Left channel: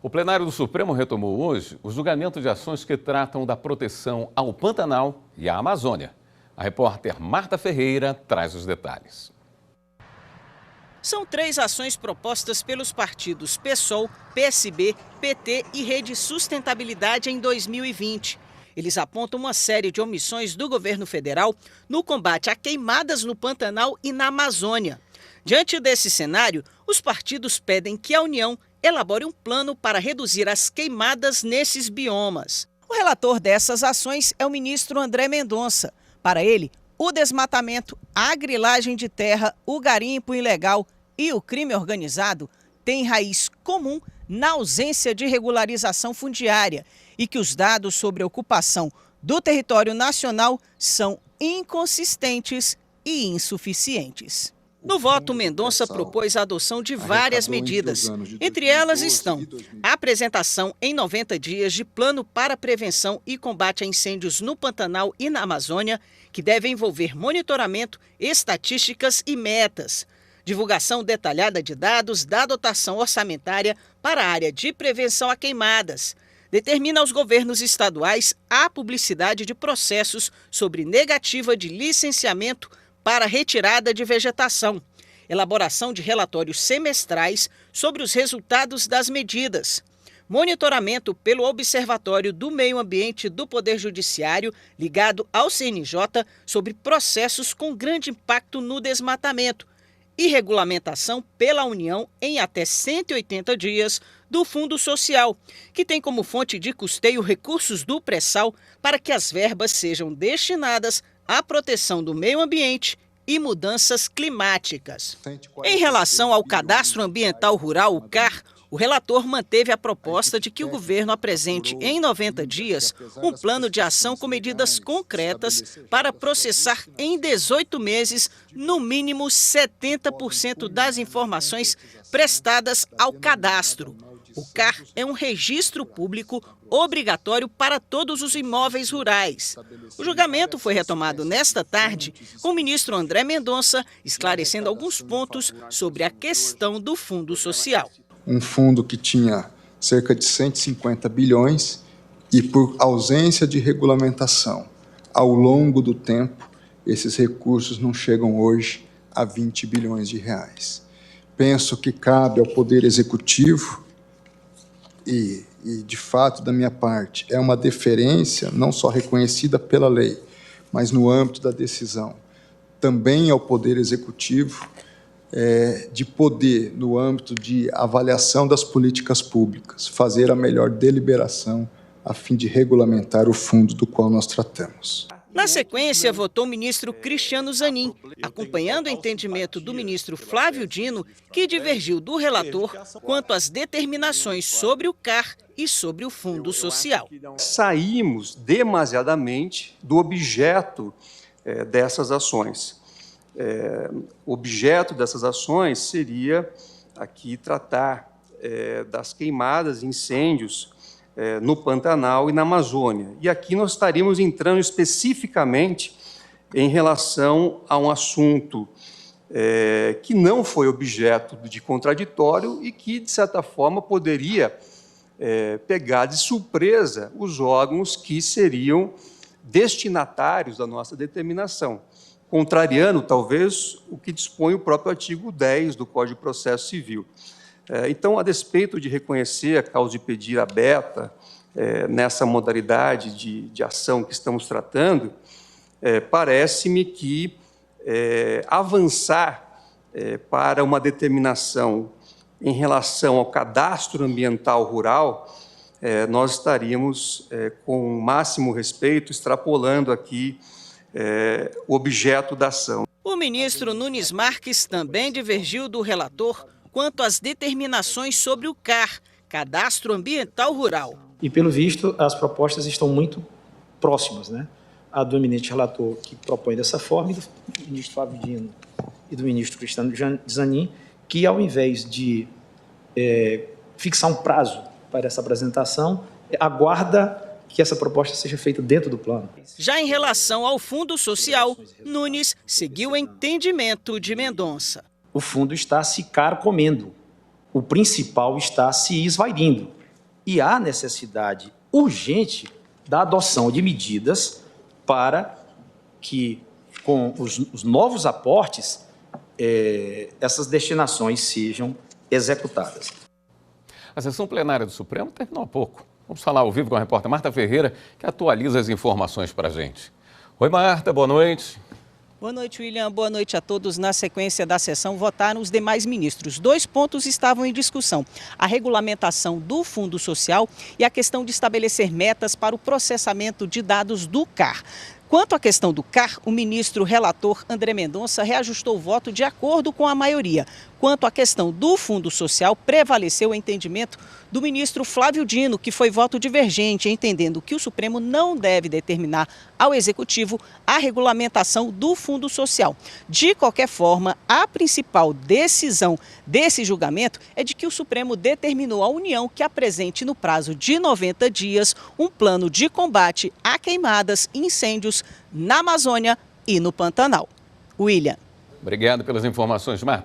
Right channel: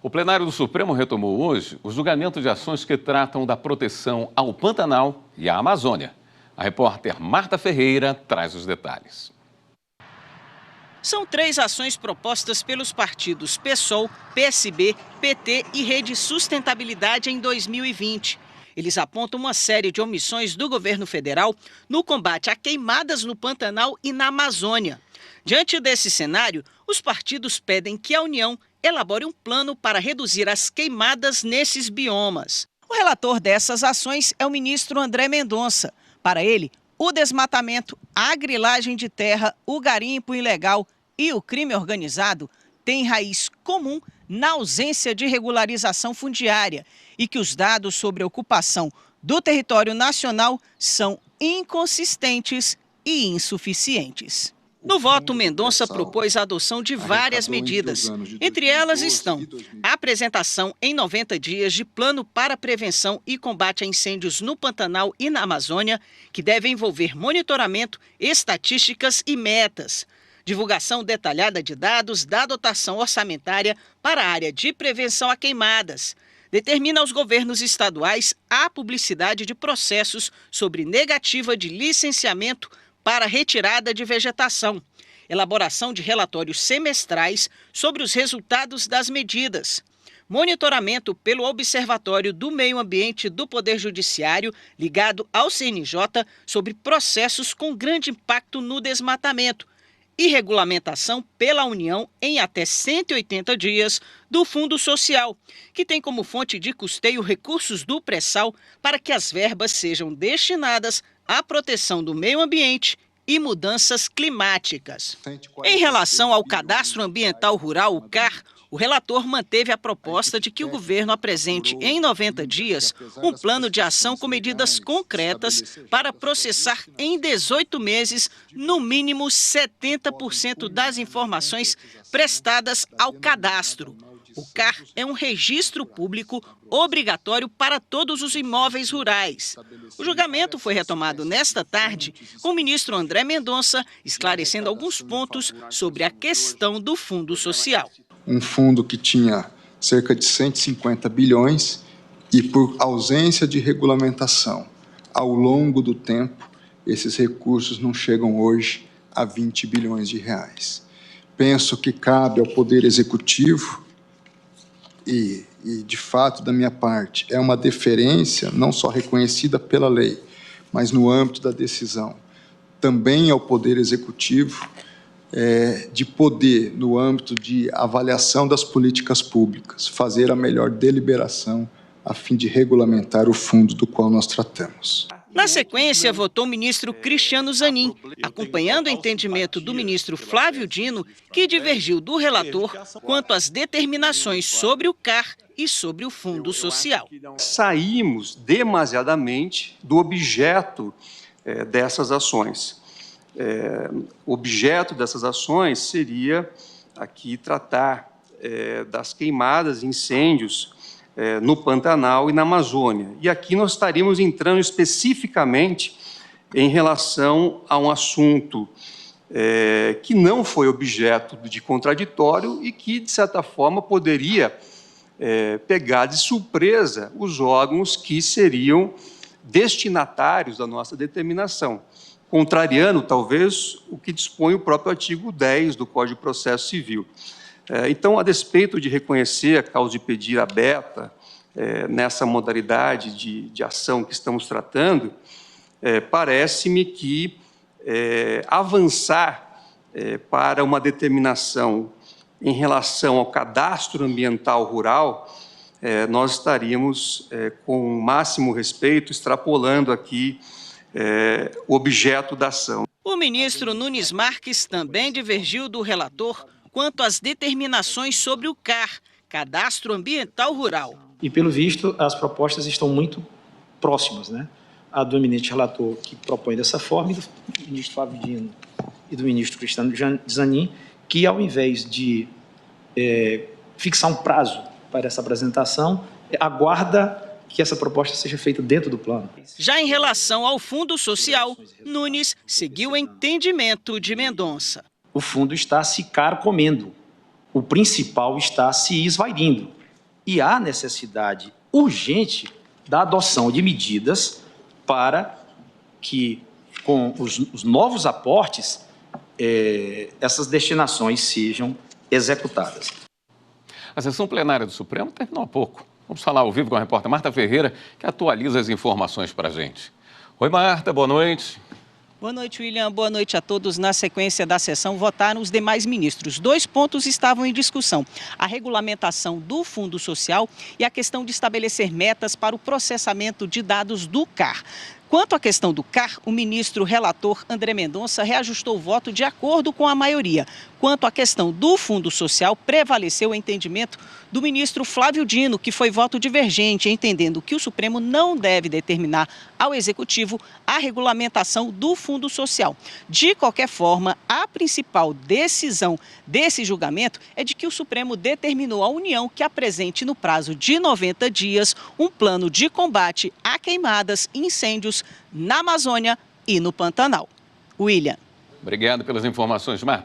O plenário do Supremo retomou hoje o julgamento de ações que tratam da proteção ao Pantanal e à Amazônia. A repórter Marta Ferreira traz os detalhes. São 3 ações propostas pelos partidos PSOL, PSB, PT e Rede Sustentabilidade em 2020. Eles apontam uma série de omissões do governo federal no combate a queimadas no Pantanal e na Amazônia. Diante desse cenário, os partidos pedem que a União elabore um plano para reduzir as queimadas nesses biomas. O relator dessas ações é o ministro André Mendonça. Para ele, o desmatamento, a grilagem de terra, o garimpo ilegal e o crime organizado têm raiz comum na ausência de regularização fundiária e que os dados sobre a ocupação do território nacional são inconsistentes e insuficientes. No voto, Mendonça propôs a adoção de várias medidas. Entre elas estão a apresentação em 90 dias de plano para prevenção e combate a incêndios no Pantanal e na Amazônia, que deve envolver monitoramento, estatísticas e metas. Divulgação detalhada de dados da dotação orçamentária para a área de prevenção a queimadas. Determina aos governos estaduais a publicidade de processos sobre negativa de licenciamento para retirada de vegetação, elaboração de relatórios semestrais sobre os resultados das medidas, monitoramento pelo Observatório do Meio Ambiente do Poder Judiciário ligado ao CNJ sobre processos com grande impacto no desmatamento e regulamentação pela União em até 180 dias do Fundo Social, que tem como fonte de custeio recursos do pré-sal para que as verbas sejam destinadas à proteção do meio ambiente e mudanças climáticas. Em relação ao Cadastro Ambiental Rural, o CAR, o relator manteve a proposta de que o governo apresente em 90 dias um plano de ação com medidas concretas para processar em 18 meses, no mínimo 70% das informações prestadas ao cadastro. O CAR é um registro público obrigatório para todos os imóveis rurais. O julgamento foi retomado nesta tarde com o ministro André Mendonça, esclarecendo alguns pontos sobre a questão do Fundo Social. Um fundo que tinha cerca de 150 bilhões e, por ausência de regulamentação, ao longo do tempo, esses recursos não chegam hoje a 20 bilhões de reais. Penso que cabe ao Poder Executivo e, de fato, da minha parte, é uma deferência não só reconhecida pela lei, mas no âmbito da decisão, também ao Poder Executivo, de poder, no âmbito de avaliação das políticas públicas, fazer a melhor deliberação a fim de regulamentar o fundo do qual nós tratamos. Na sequência, votou o ministro Cristiano Zanin, acompanhando o entendimento do ministro Flávio Dino, que divergiu do relator quanto às determinações sobre o CAR e sobre o Fundo Social. Saímos demasiadamente do objeto dessas ações. O objeto dessas ações seria aqui tratar das queimadas, incêndios no Pantanal e na Amazônia. E aqui nós estaríamos entrando especificamente em relação a um assunto que não foi objeto de contraditório e que, de certa forma, poderia pegar de surpresa os órgãos que seriam destinatários da nossa determinação, contrariando, talvez, o que dispõe o próprio artigo 10 do Código de Processo Civil. Então, a despeito de reconhecer a causa de pedir aberta nessa modalidade de ação que estamos tratando, parece-me que avançar para uma determinação em relação ao cadastro ambiental rural, nós estaríamos, com o máximo respeito, extrapolando aqui o objeto da ação. O ministro Nunes Marques também divergiu do relator quanto às determinações sobre o CAR, Cadastro Ambiental Rural. E, pelo visto, as propostas estão muito próximas, né? A do eminente relator, que propõe dessa forma, e do ministro Flávio Dino e do ministro Cristiano Zanin, que, ao invés de fixar um prazo para essa apresentação, aguarda que essa proposta seja feita dentro do plano. Já em relação ao Fundo Social, Nunes seguiu o entendimento de Mendonça. O fundo está se carcomendo, o principal está se esvairindo. e há necessidade urgente da adoção de medidas para que, com os novos aportes, essas destinações sejam executadas. A sessão plenária do Supremo terminou há pouco. Vamos falar ao vivo com a repórter Marta Ferreira, que atualiza as informações para a gente. Oi, Marta, boa noite. Boa noite, William. Boa noite a todos. Na sequência da sessão, votaram os demais ministros. 2 pontos estavam em discussão: a regulamentação do Fundo Social e a questão de estabelecer metas para o processamento de dados do CAR. Quanto à questão do CAR, o ministro relator André Mendonça reajustou o voto de acordo com a maioria. Quanto à questão do Fundo Social, prevaleceu o entendimento do ministro Flávio Dino, que foi voto divergente, entendendo que o Supremo não deve determinar ao Executivo a regulamentação do Fundo Social. De qualquer forma, a principal decisão desse julgamento é de que o Supremo determinou à União que apresente no prazo de 90 dias um plano de combate a queimadas e incêndios na Amazônia e no Pantanal. William. Obrigado pelas informações, Marta.